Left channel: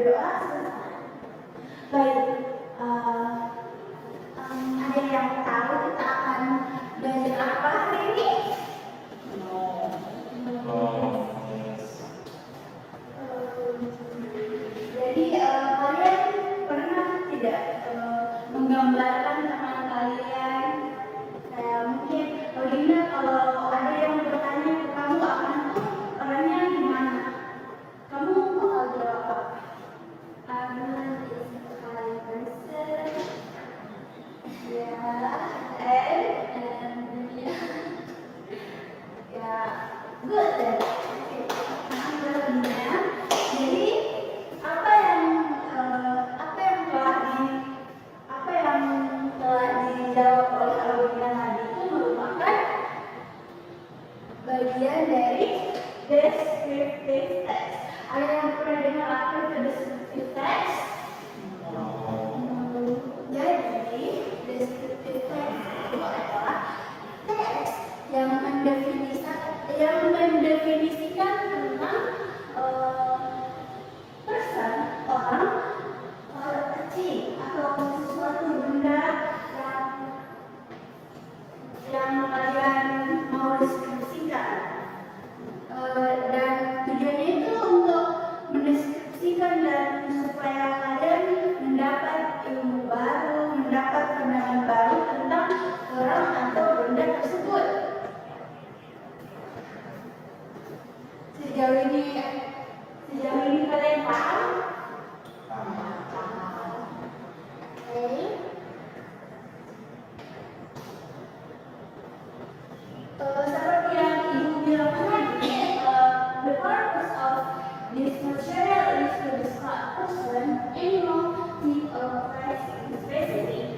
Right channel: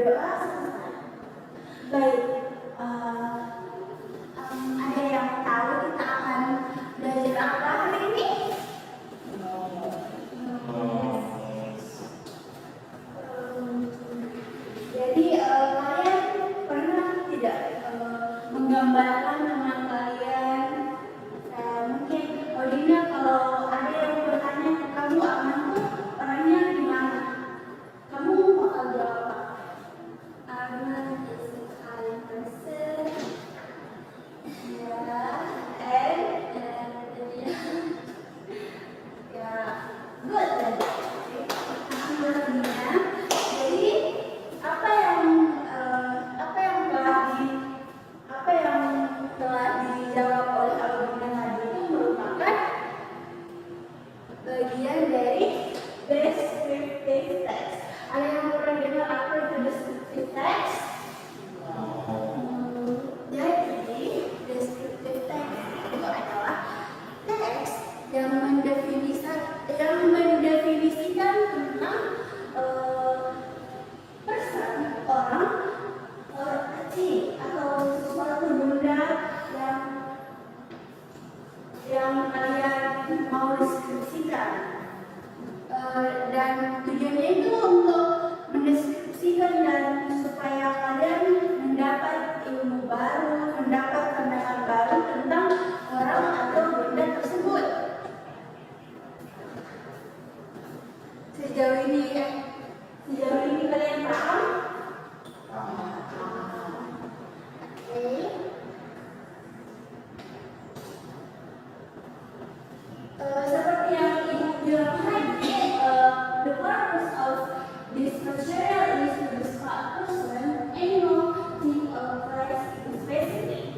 berdoa selesai. Baik, ada yang tahu kita akan belajar apa hari ini? Jadi kalian pernah tidak menggambarkan teman kalian? Mungkin Odina, kalau ada yang bertanya ke kamu akan tuh orangnya gimana? Kamu bakal jawab apa? Arman is a kind person. Ya, ya, good then. Odina. Jadi apa yang telah dijawab oleh Odina tadi itu merupakan bagian dari descriptive text. Ada yang pernah dengar apa itu descriptive text? Jadi descriptive text itu adalah teks yang mendefinisikan tentang person, orang, kecil atau sesuatu benda yang kalian mau deskripsikan. Dan tujuannya itu untuk mendeskripsikan dan supaya kalian mendapat ilmu baru, mendapat pandangan baru tentang orang atau benda tersebut. Sejauh ini kalian paham? Oke. Seperti yang Ibu bilang tadi, the purpose of this material is to describe person, animal, thing, or place specific.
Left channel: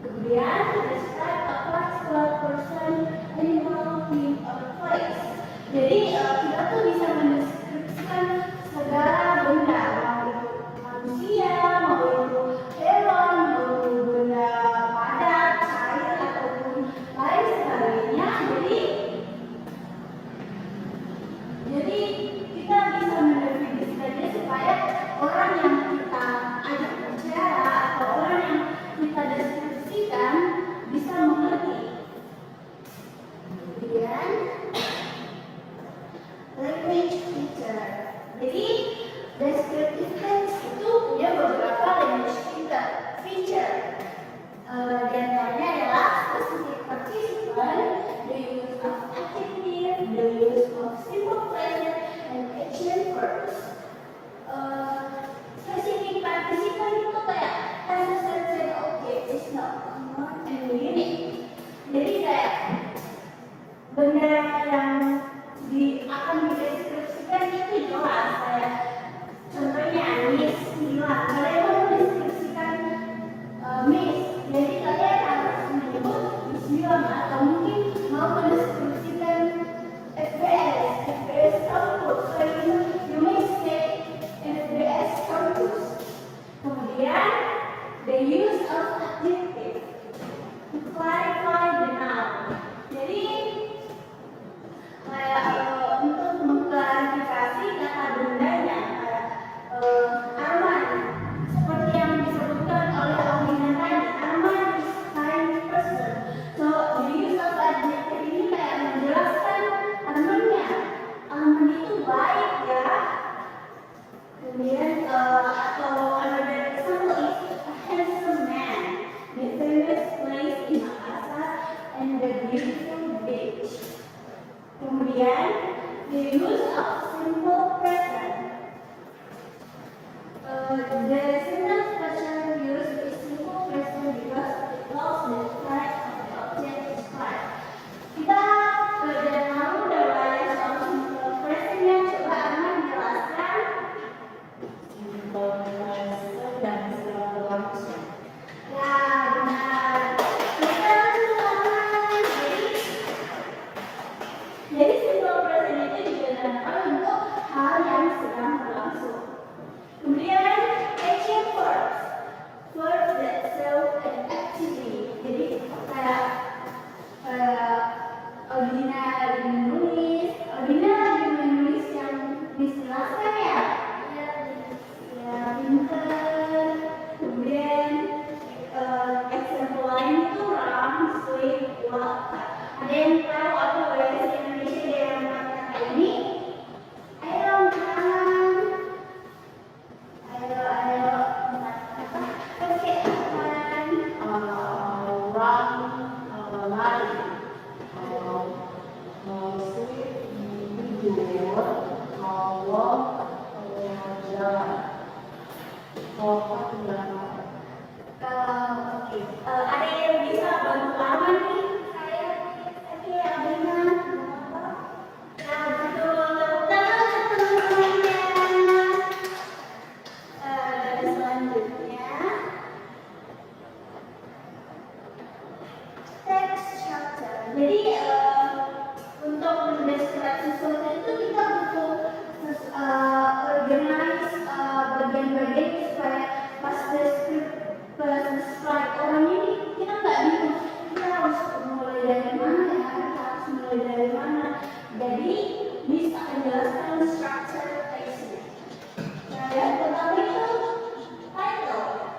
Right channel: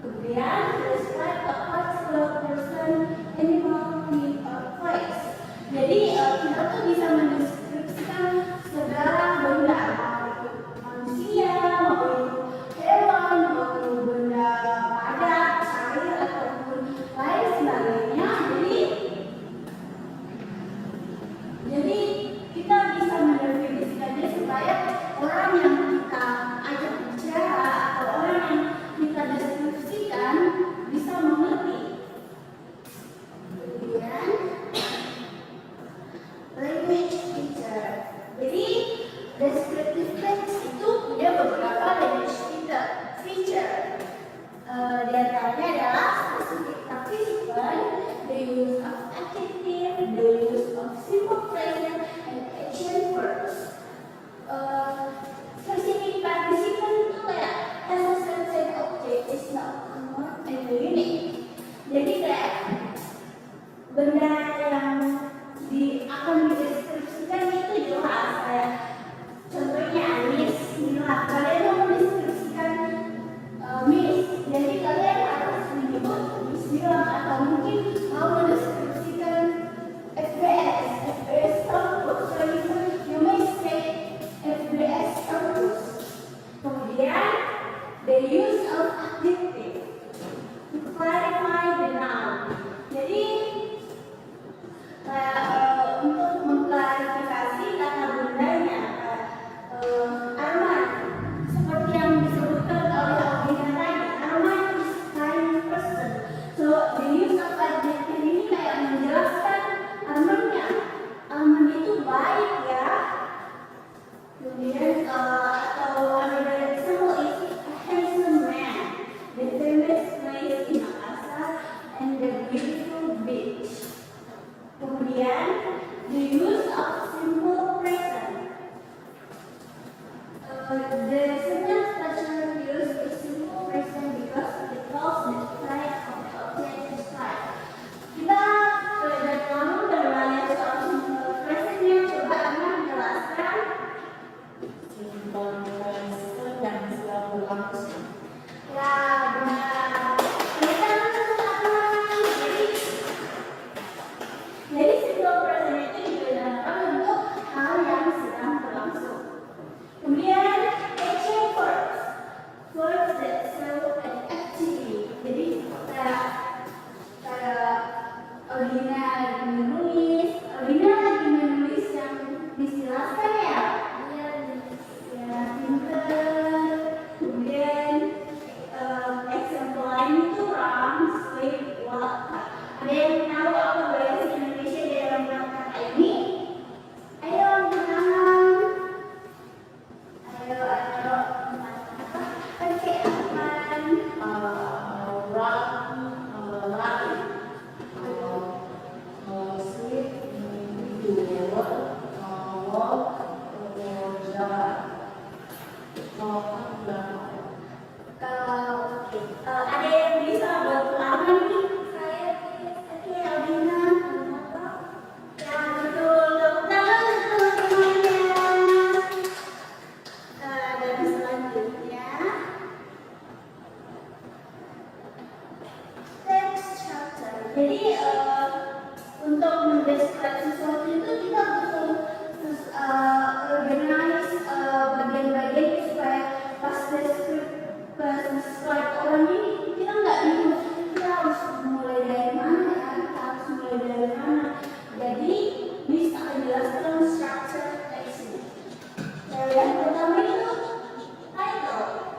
Kemudian, describe a particular person, animal, thing, or place. Jadi kita tuh bisa mendeskripsikan segala benda, mau itu manusia, mau itu hewan, mau itu benda padat, cair, ataupun lain sebagainya. Jadi kita bisa mendefinisikannya supaya orang yang kita ajak bicara atau orang yang kita deskripsikan bisa mengerti. Kemudian language feature. Jadi descriptive text itu punya beberapa language feature. Di antaranya adalah specific participant, the use of adjective, the use of simple present, and action verbs. Specific participant itu kayak as a subject object is not more and unique. Jadi kayak benda yang akan dideskripsikan itu jelas, kayak contohnya Anis, Mila. Kalian mau mendeskripsikan Miss, jadi kalian harus menyebut Miss Mila, atau mungkin mau mendeskripsikan FBS kampus, so you may say FBS kampus. Kemudian the use of adjective to clarify the noun. Jadi untuk mengklarifikasi kata bendanya, Arman, seperti yang disebutkan oleh Odina tadi, Arman is kind person. So the use of adjective ini kayak menjelaskan Armannya, Arman itu baik ya. Kemudian atau another example is a handsome man, the famous place in Makassar, and the beautiful beach. Kemudian the use of simple present. The sentence structure used is simple present because it tells the type of the object described. Kita belajar kamu dan belajar soal simple presentnya, coba Arman jelaskan. Simple present dan sedang berlangsung. Ya benar. Kita langsung lakukan. Jadi simple present itu digunakan untuk hal yang sedang berlangsung. Kemudian action verbs, verbs that show an activity. Jadi kayak Odina lagi menulis yang dijelaskan ya. Ya,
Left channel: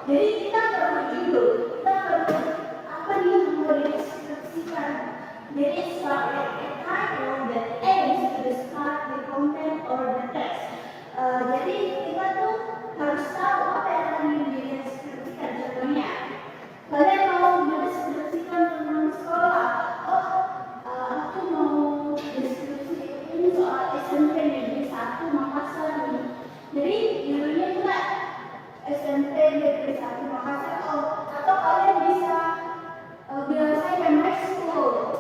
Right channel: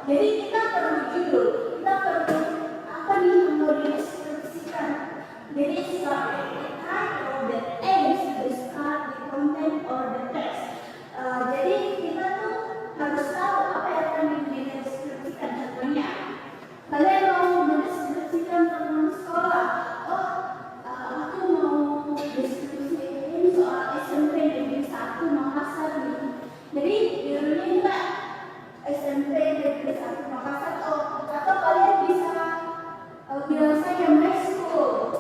Jadi kita perlu judul, kita perlu apa nih yang mau dideskripsikan. Jadi start with a title that aims to describe the content or the text. Jadi kita tuh harus tahu apa yang akan dideskripsikan. Contohnya, kalian mau mendeskripsikan tentang sekolah. Oh, aku mau deskripsikan soal SMP Negeri 1 Makassar nih. Jadi judulnya juga SMP Negeri 1 Makassar. Atau kalian bisa bilang saja my school,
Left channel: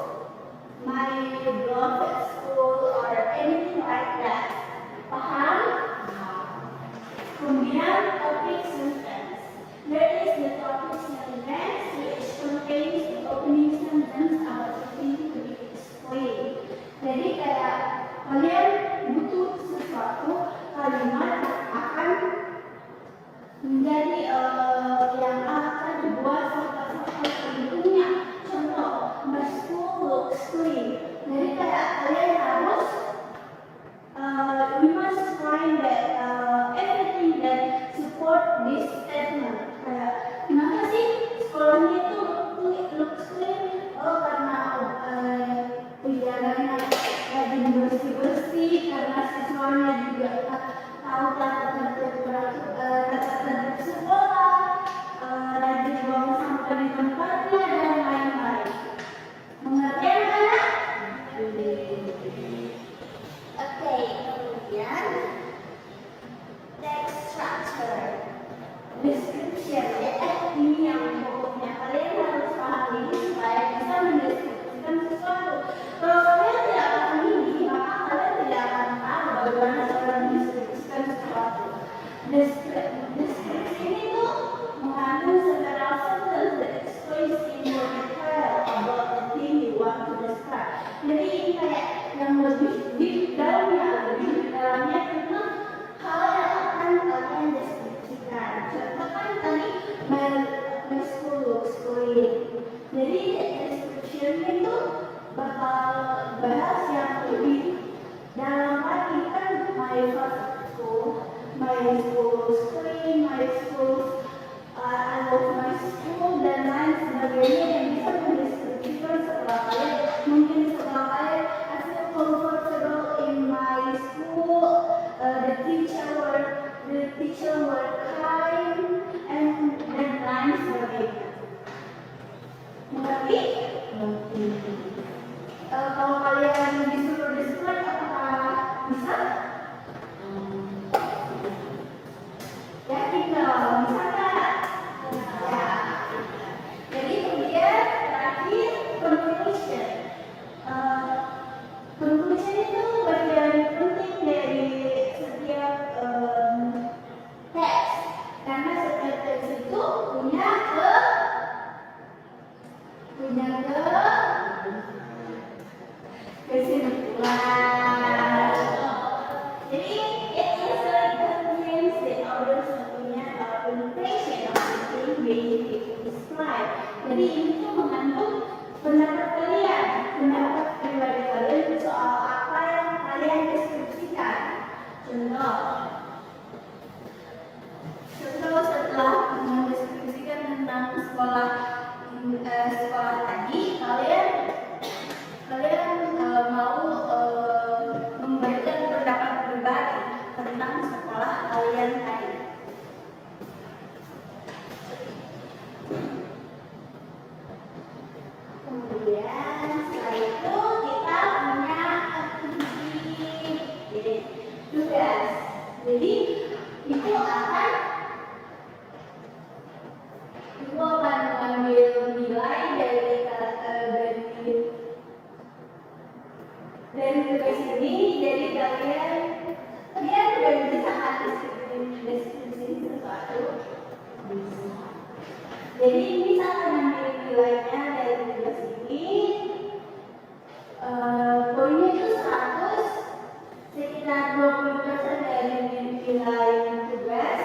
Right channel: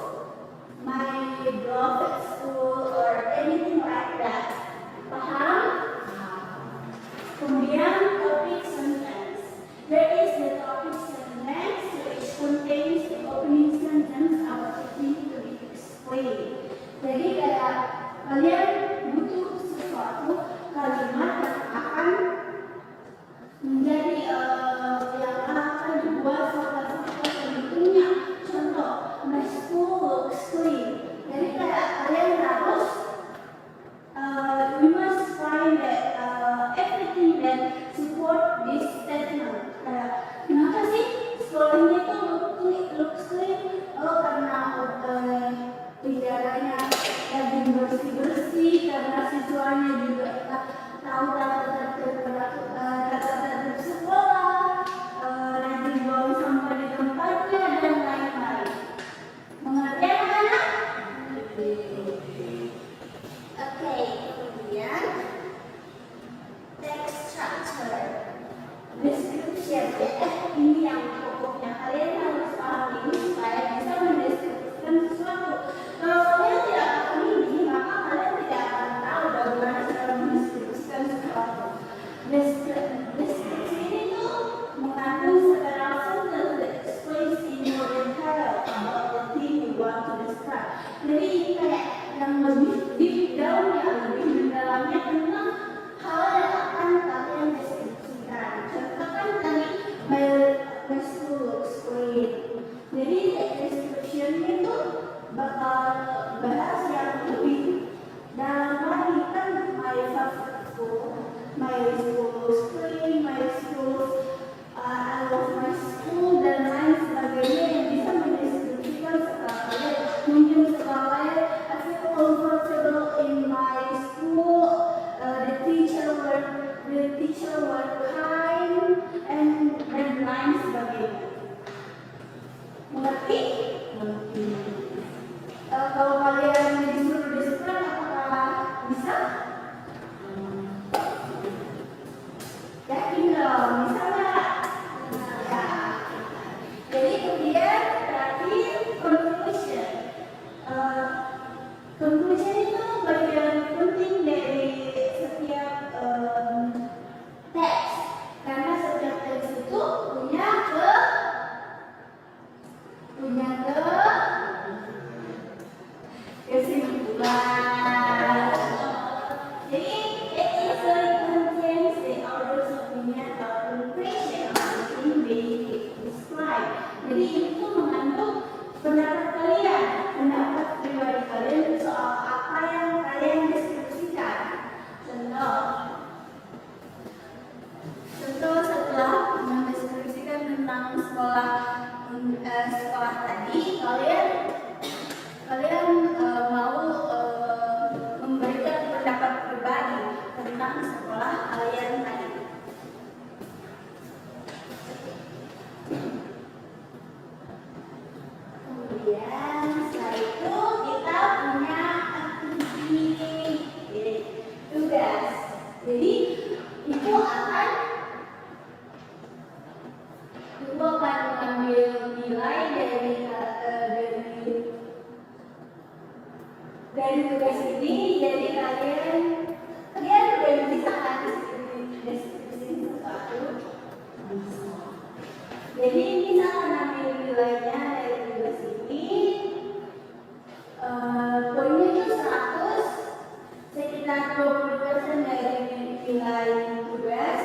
my beloved school, or anything like that. Paham? Kemudian topic sentence. There is the topic sentence which contains the opening sentence about the thing to be displayed. Jadi kayak kalian butuh sesuatu kalimat yang akan menjadi yang akan dibuat sampai bentuknya. Contoh, my school looks clean. Jadi kayak kalian harus we must find that everything that support this statement. Kayak kenapa sih sekolahnya itu looks clean? Oh, karena penjaganya rajin bersih-bersih, karena siswanya juga tahu terhadap sekolah, rajin buang sampah di tempatnya, dan lain-lain. Mengerti anak-anak? Oke, kemudian text structure, description. Ini yang pokoknya kalian harus pahami supaya bisa mendeskripsikan sesuatu. Kalau kalian tidak paham ini, maka kalian tidak akan tahu bagaimana cara mendeskripsikan sesuatu. Deskripsi ini tuh mengandung several sentences that explains in more detail about the thing you want to describe. Jadi ini kayak yang lebih deep down-nya, lebih mendalamnya tentang hal yang akan kalian deskripsikan. Contoh kan tadi my school looks clean. Jadi description itu bakal bahas yang lebih dalam lagi kan my school looks clean, my school I love my school, dan lain sebagainya yang bisa mendeskripsikan sekolah kalian. Mungkin sekolah kalian I feel comfortable in my school, the teacher were kind, and lain sebagainya. Mengerti? Kalau kalian disuruh describe, apakah bisa? Yakin dong, bisa nggak? Ya. Jadi kemudian terakhir conclusion. Conclusion itu bagian penting dari setiap teks, karena setiap teks itu punya kesimpulan. Jadi it usually contains the author's opinion or conclusion of the thing being described. Jadi itu mengandung pendapat kalian, pendapat pribadi kalian soal apa yang kalian deskripsikan. Contoh setelah mendeskripsikan tentang sekolah tadi, kalian mau memberikan pendapat pribadi tentang sekolah kalian tadi. Kemudian setelah itu kita punya aktivitas, tugas. Jadi itu akan mengambil nilai dari tugas ini. Jadi kalian bisa deskripsi sesuatu. Jadi bisa mengambil nilainya dari tugas ini. Poinnya itu 100, sekitar 20% dari nilai tugas.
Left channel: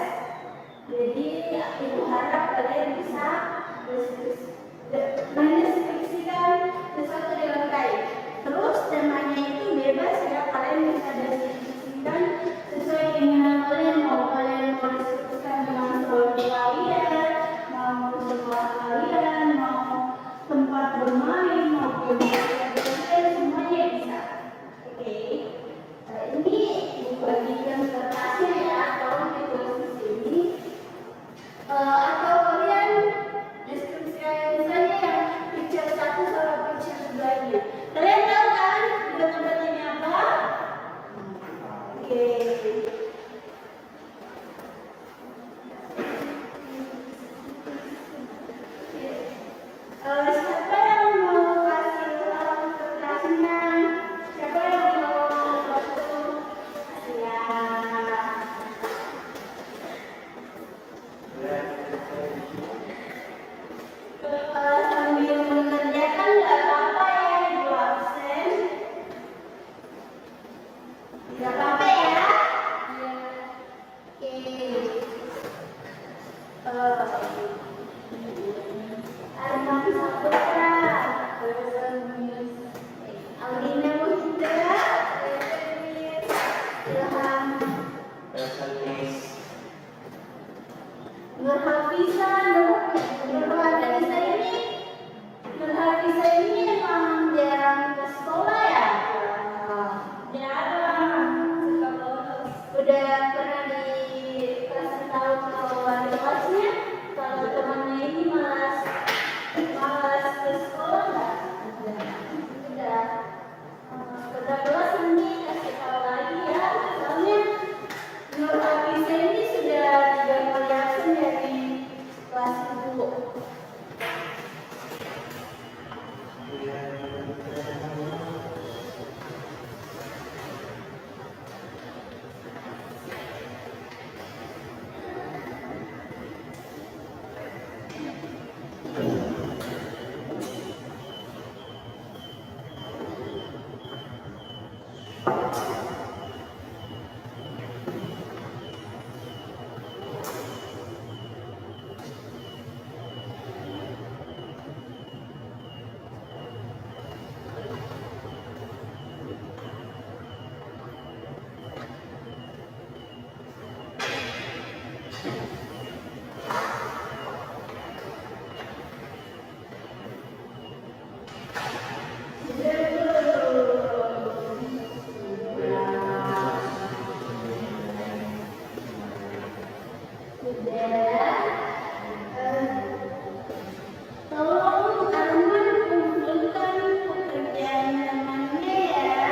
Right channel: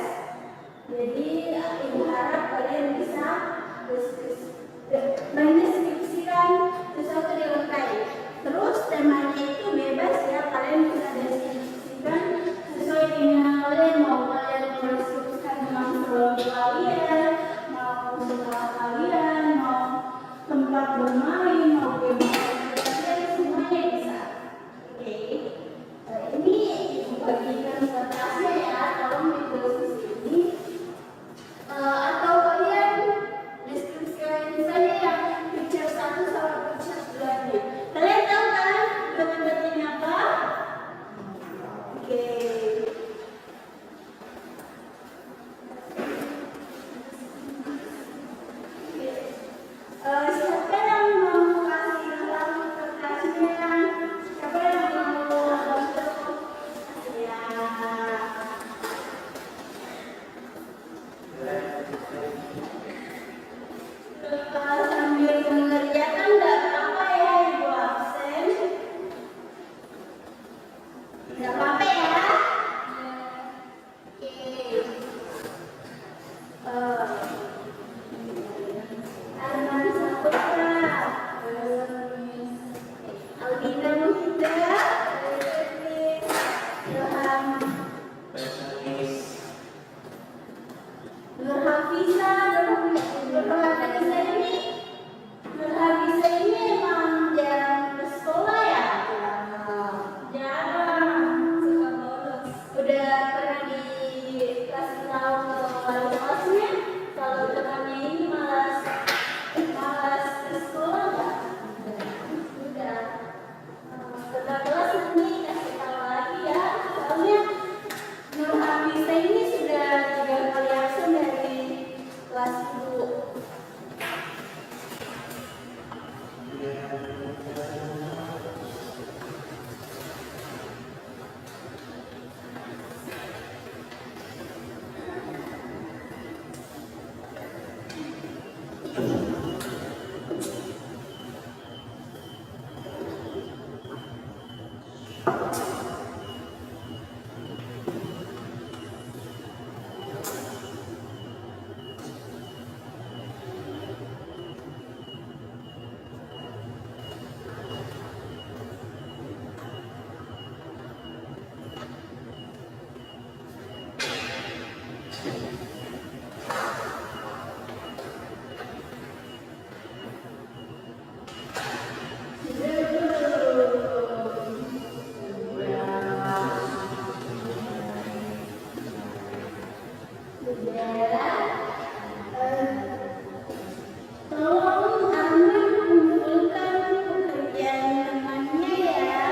Tolong Arman kumpulkan pekerjaan temannya ya.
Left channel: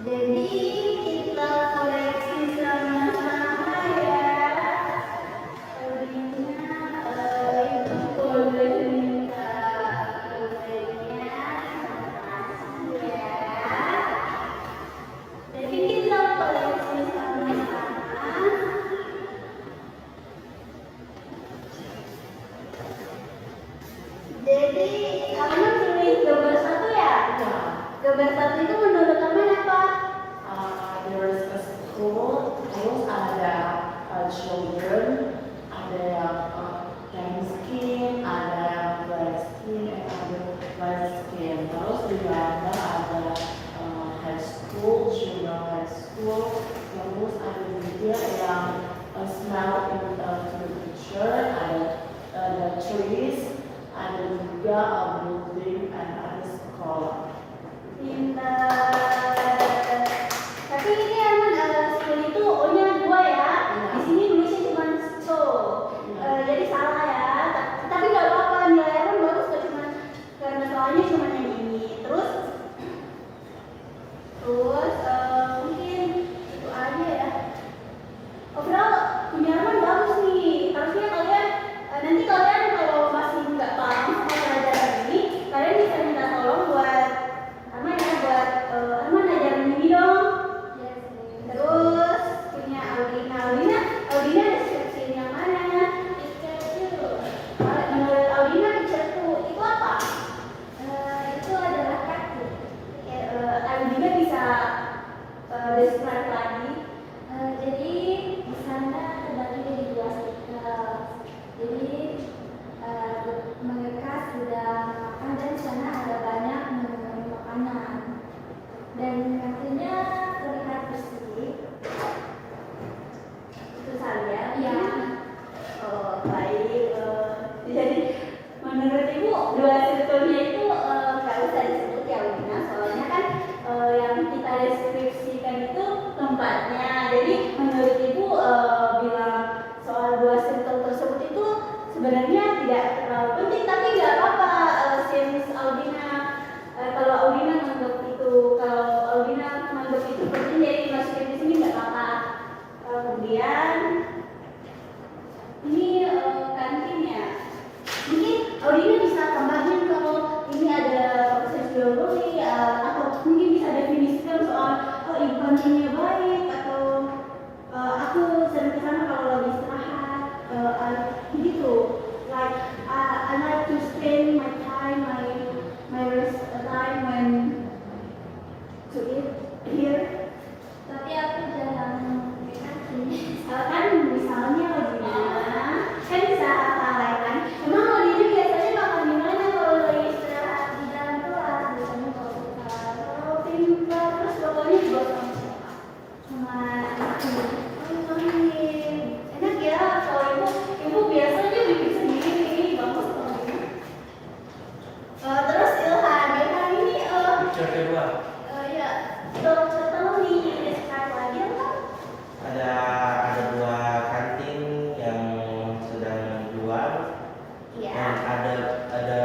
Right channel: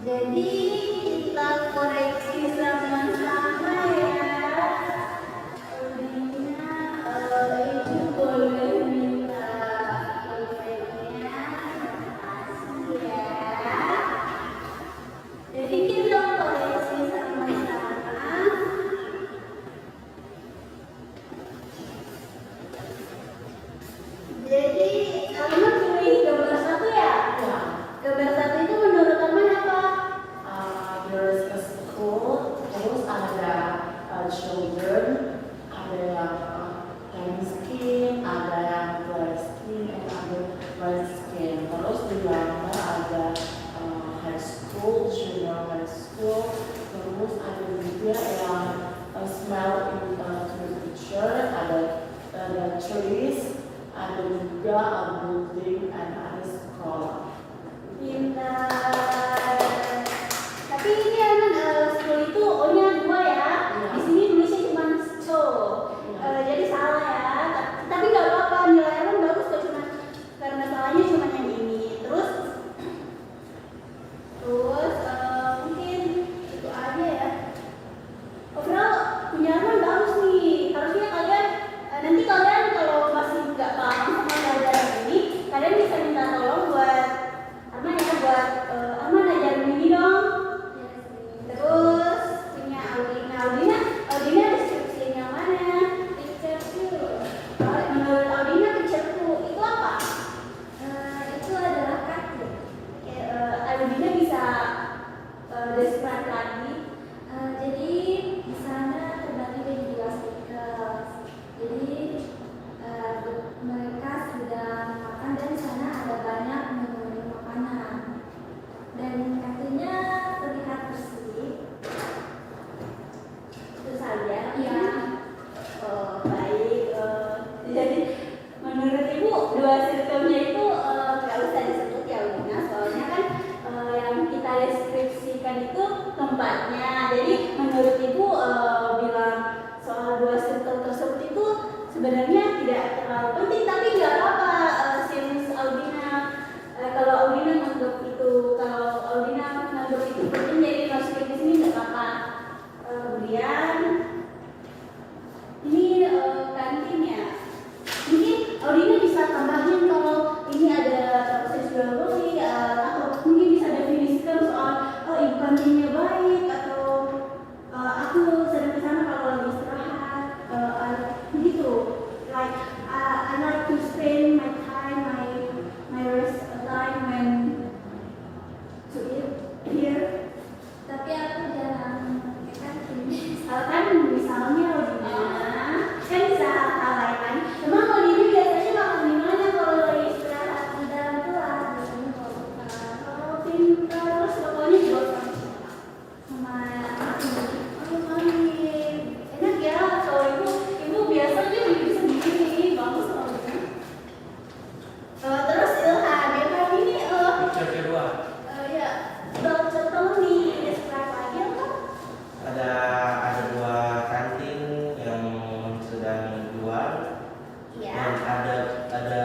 Jadi kita koreksi sama-sama ya. Rina itu boleh minta emailnya. Makasih ya. Jadi kita koreksi sama-sama. Jadi kamu pilih gambar satu ya? Ya. Gambar satu itu menurut kamu apa? There's a school, terus ada children, ada yang tan skin, ada yang black skin, ada white skin. Terus di belakang ada high school, junior high school. Terus ada juga yang smell in the picture, ada trees, ada juga a building, and ada sekolah. Pintar. Tapi ini Arman school itu O-nya 2 ya. Iya. Di sini tulisnya cuma so. Jadi salah ya. Tapi nggak apa-apa, nilai Arman bagus kok, cuma karena soalnya cuma yang ini. Terus mungkin itu aja ya. Overall punya Arman bagus nih. Harusnya kalian nanti kalian kalau masih nggak paham sama pelajaran ini, kalian bisa minta tolong buat Arman ya, buat Arman ajarin ini dong. Terus punya Audina deskripsinya mana? Menurut Audina picture itu apa? Itu adalah kartu. Audina bisa describe lagi. Jadi di sana terbagi jadi 2 circle. Jadi mereka sedang makan dan di sana ada banyak menu-menu makanan. Dan kartunya terlihat bersih. Itu saja. Ya. Oh baik. Jadi menurut ibu 2 circle-nya itu nggak usah disebut ya Wina, soalnya kan yang kita deskripsikan itu tempatnya. Jadi menurut ibu bilang soal 2 circle tersebut itu sebenarnya tidak terlalu penting, tapi nggak apa-apa. Since Audina kalau Audina menganggap itu penting, jadi masukin di sini nggak apa-apa. Kemudian ini kantinnya. Mungkin Audina bisa tambahin kalau ini ada proses jual beli atau mungkin bisa definisikan soal ibu kantinnya baik atau aku sering kesana kalau lagi istirahat gitu. Like I like to spend my time, my rest time when to eat here. Tapi aku jarang ke kantin. Kan misalnya Audina kan bisa hal lain kan. Emang Audina biasanya makan di mana kalau lagi istirahat? Di dalam kelas biasanya kalau pintar. Terus pokoknya juga sama aku. Mami enak ya kalau ibu biasanya bikin sendiri. Bagus kalau Audina. Terus Ilhan ini Picture kedua ya tolong di describe lagi apa? ada 2 kantin yang sedang jual dan Ya. ada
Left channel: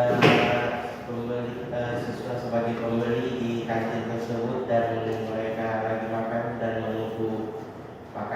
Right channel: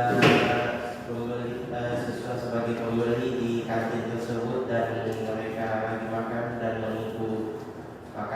pembeli siswa sebagai pembeli di kantin tersebut dan mereka lagi makan dan menunggu makanan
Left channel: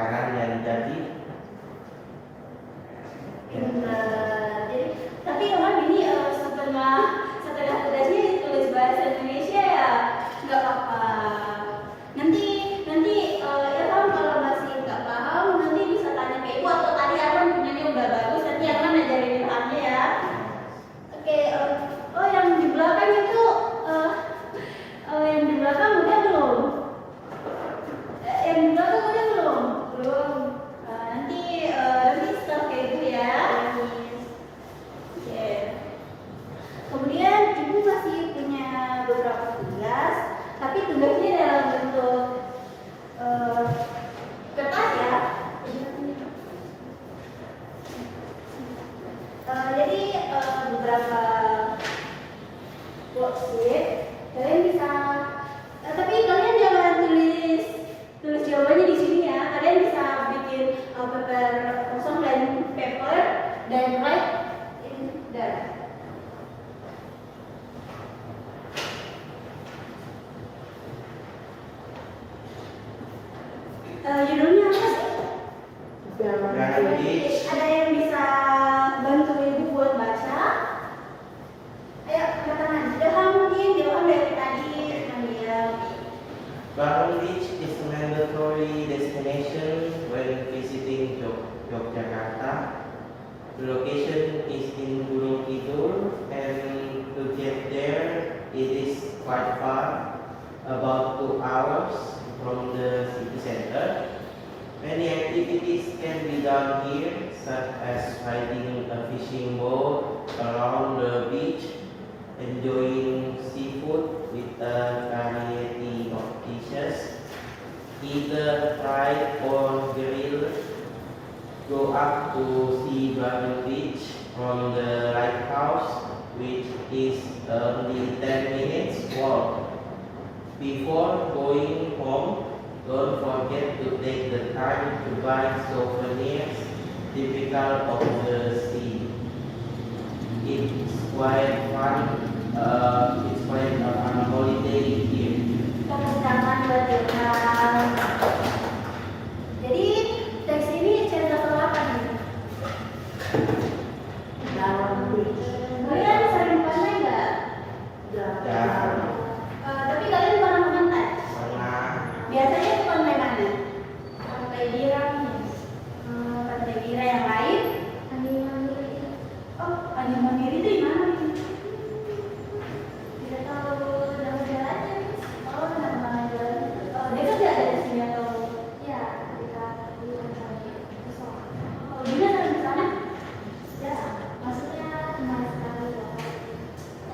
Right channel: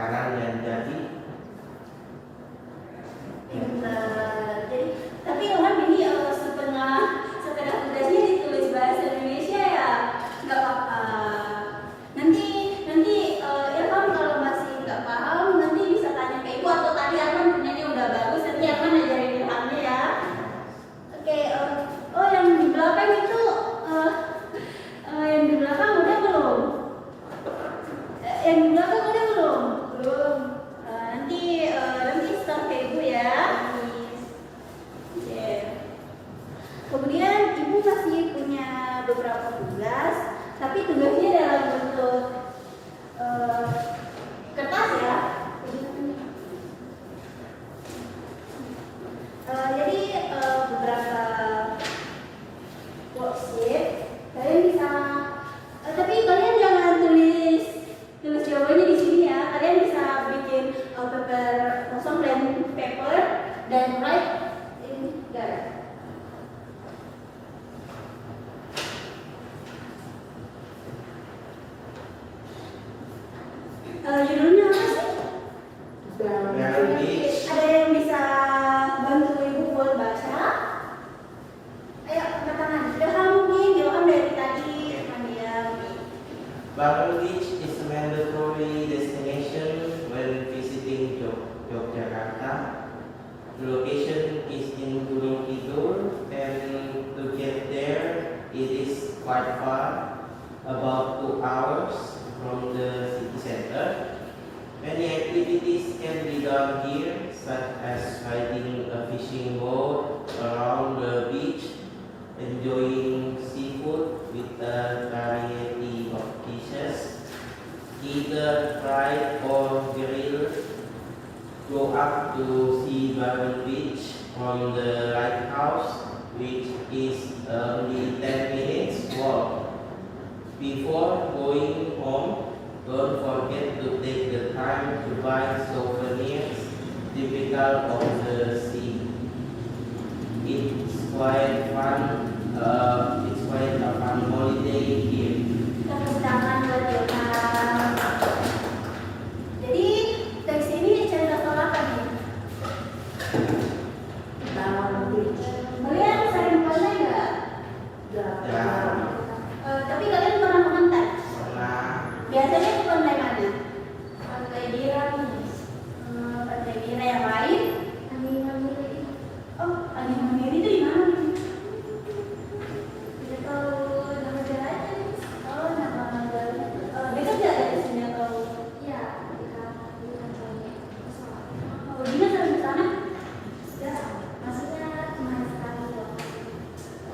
Judulnya apa sih? Barrel Beach. Ada yang bisa bantu ibu buat baca? Ayo, angkat tangan. Ilham mungkin, Ilham dari tadi diam. Barrel Beach is a mandatory destination when visiting Yogyakarta. The location is in Gunung Kidul, and to get there, it is quite far, about 2 hours from the city center. Many activities can be done here, such as riding a fishing boat around the beach, enjoying seafood with a variety of dishes, either fried or grilled. Go up to see Barrel Beach from the lighthouse, which is only 10 minutes walk. Before going home, don't forget to take the time to buy souvenirs typical of the sea. It's quite fun. It's quite a fun holiday here. Tepuk tangan buat Ilham. Jadi teks ini cerita soal apa nih? Kalian sering pantai nggak? Dan Tapi kalian pernah ke pantai? karena Biasanya ke pantai mana? Pantai Biram, pantai Bira yang lain? Oh, Animamiri itu di mana nih? Tidak tahu nama jalannya. Oh, nama jalannya. Dekat nggak dari sini atau? Ya, dekat. Oh, Dina sering ke sana? Ya, maksudnya cuma sekali ya.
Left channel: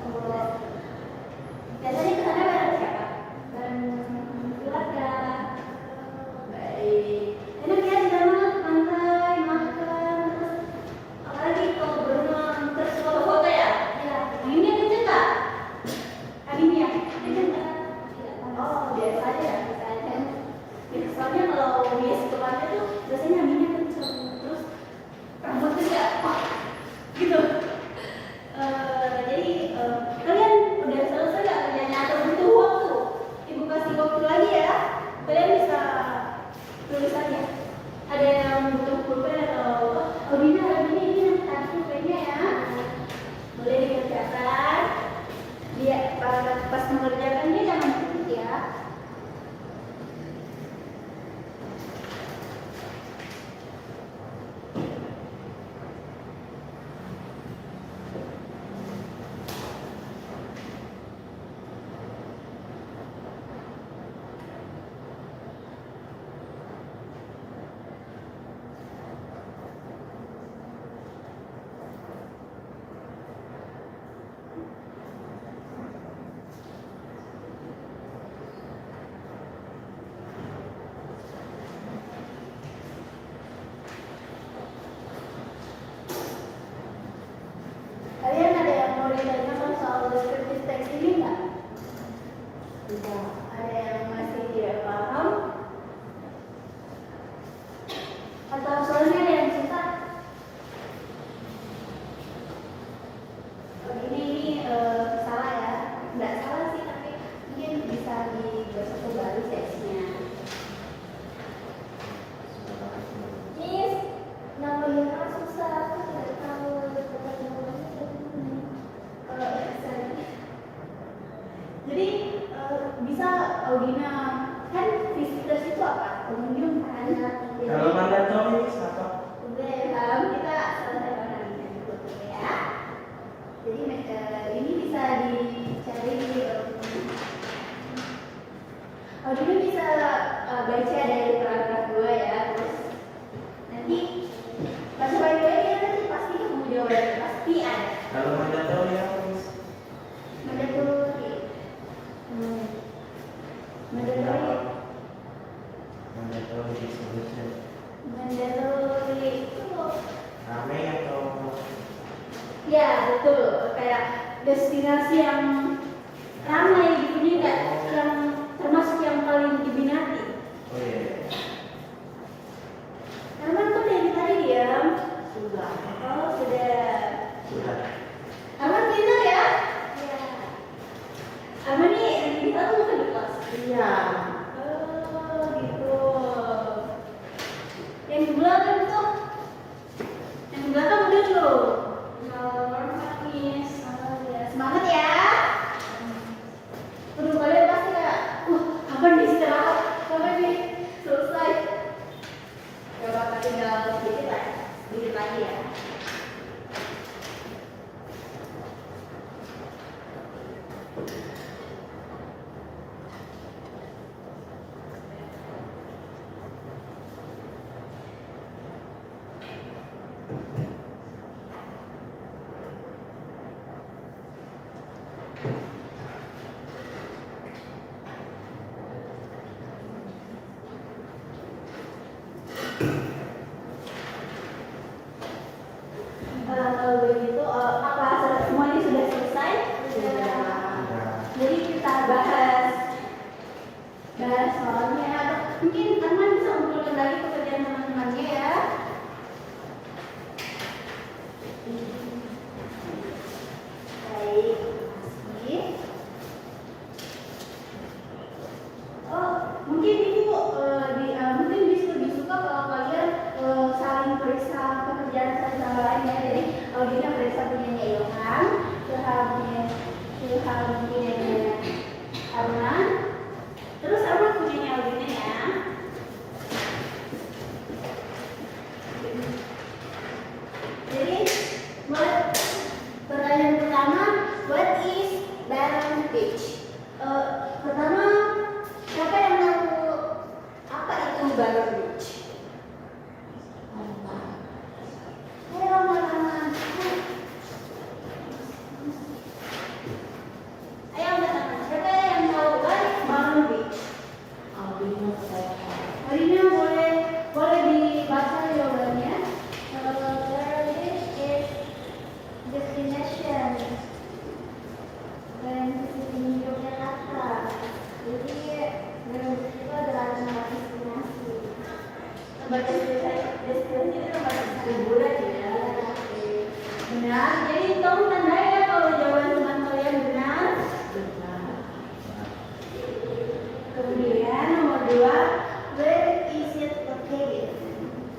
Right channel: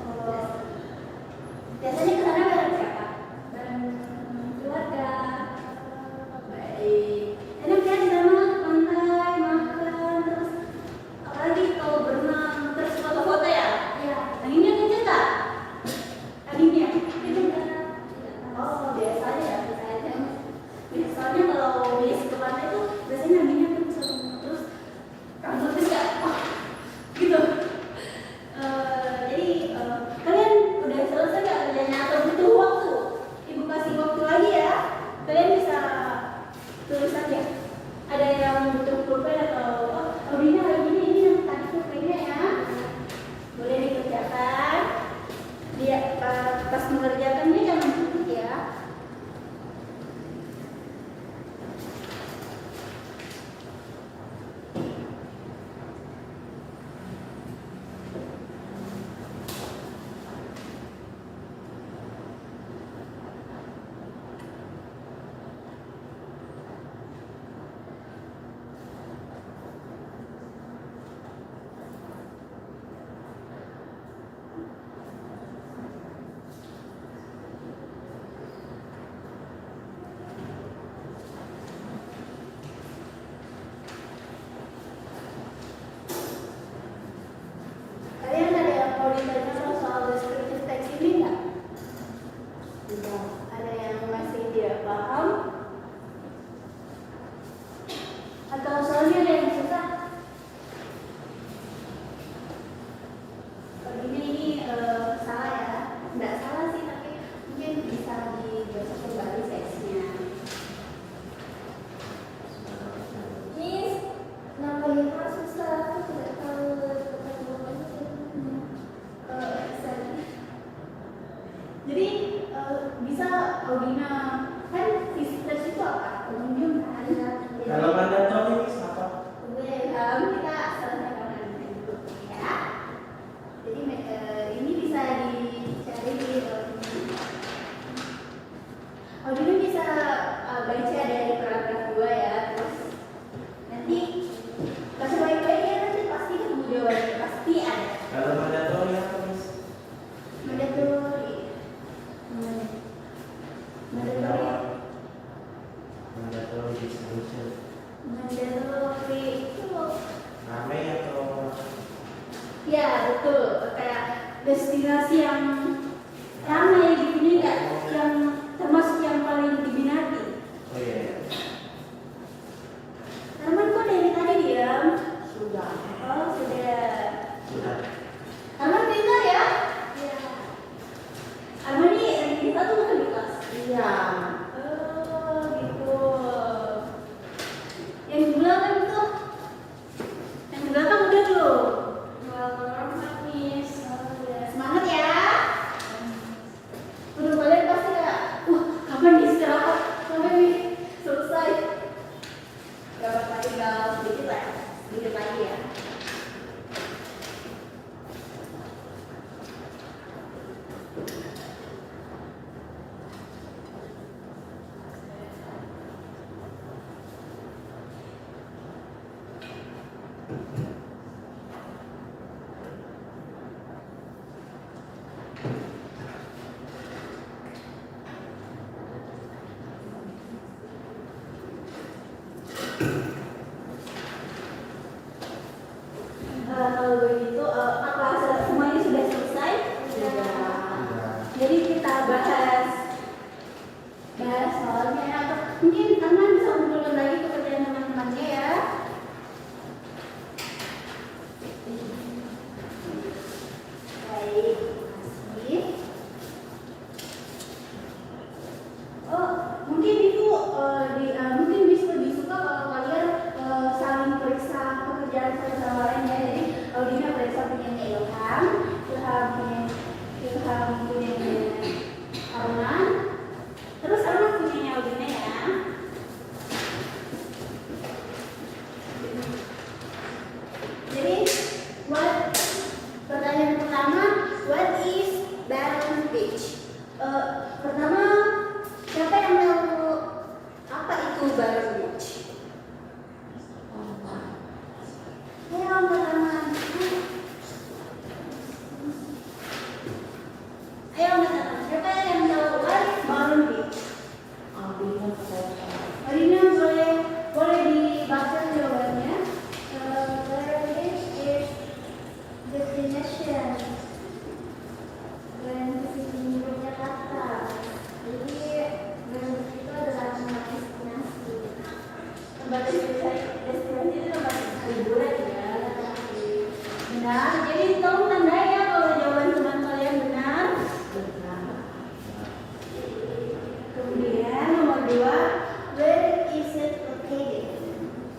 Oh, biasanya ke sana bareng siapa? Bareng keluarga. Baik. Enak ya di sana, pantai, makan, terus apalagi kalau berenang, terus foto-foto ya? Iya. Anginnya kenceng nggak? Anginnya kenceng nggak? Oh, biasa aja ya, biasa aja. Ya, soalnya kalau biasa ke pantai tuh biasanya anginnya kenceng, terus rambutnya nggak, wah, gitu. Jadi kalian udah selesai nggak kerjanya atau butuh waktu? Ibu kasih waktu lagi ya. Kalian bisa tulis aja. Ada yang butuh pulpen atau Dina ini tadi pulpennya ya. Boleh dikerjakan. Dia pas mengerjakannya jangan ketik ya. Kalian ada yang mau ditanyakan soal deskriptif teks ini nggak? Tidak. Ada yang masih tidak paham? Atau soalnya ada yang susah? Ini salah ya? Nggak salah sih, tapi mungkin bisa dibaca kembali teksnya. Miss, nama Lina susah, aku tidak tahu. Jadi bisa Audina kan visitors itu apa? Pengunjung kan? kalau mandatory apa? Kita selesai dulu ya. Jadi ini bisa dicari di Audina bisa baca dari paragraf 2 ya. Terus nanti kasih baik-baik ya, nanti pasti kamu jawab pasti ada. Kalau mandatory apa Mas? Mandatory. Mandatory distribution. Mandatory itu Rame atau ya betul, kayak destinasi yang ramai di dunia, yang termasuk yang paling diminati. oh iya. Arman kok dari tadi diam? Sudah. Oh sudah. Sudah. Arman pintar ya? Iya. Arman nih kita tuh mau ke kelas. Iya. Oh gitu. sampai nih selesai. Gak bakal tinggal sedikit lagi ya. Kalau begitu, apa semuanya sudah selesai? Jadi kita bahas soalnya. Mungkin teman bisa kumpulkan lagi pekerjaan teman-temannya ya. Baik, makasih. Oh, mungkin ibu mungkin bisa lebih suka kalau kalian saling periksa pekerjaan satu sama lain ya. Jadi Audina periksa punyanya Ilham, Ilham punyanya Arman, terus Arman punyanya Audina ya. Jadi pertanyaan pertama, what is Barren Beach? Pertama, siapa yang tahu apa itu Barren Beach? Ayo teman-teman. Ayo teman-teman, siapa yang tahu what is Barren Beach? Alina boleh dibaca jawabannya. Barren Beach is destination when visiting Yogyakarta. Jadi Barren Beach itu adalah tempat destinasi. Tempat destinasi itu tempat liburan ya. Benar. Jadi tolong tandai ya kalau jawaban teman kalian benar. Kemudian nomor 2, where is it located?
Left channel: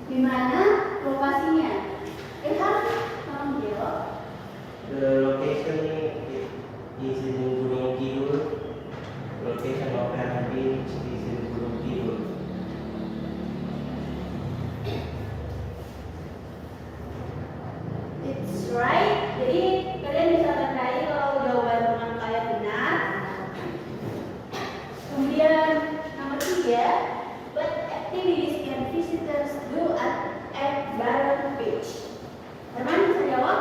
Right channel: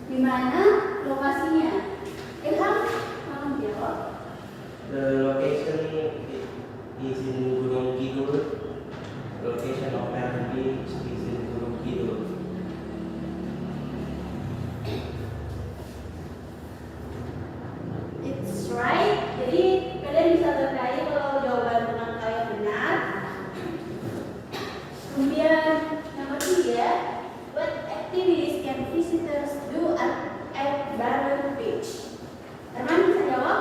Di mana lokasinya? Ilham, tolong jawab. The location is in Gunung Kidul. Location of Barren Beach is in Gunung Kidul. It's right. Jadi kalian bisa tandai kalau jawaban teman kalian benar. Kemudian nomor 3, what activities can visitors do at Barren Beach? Arman bisa jawab?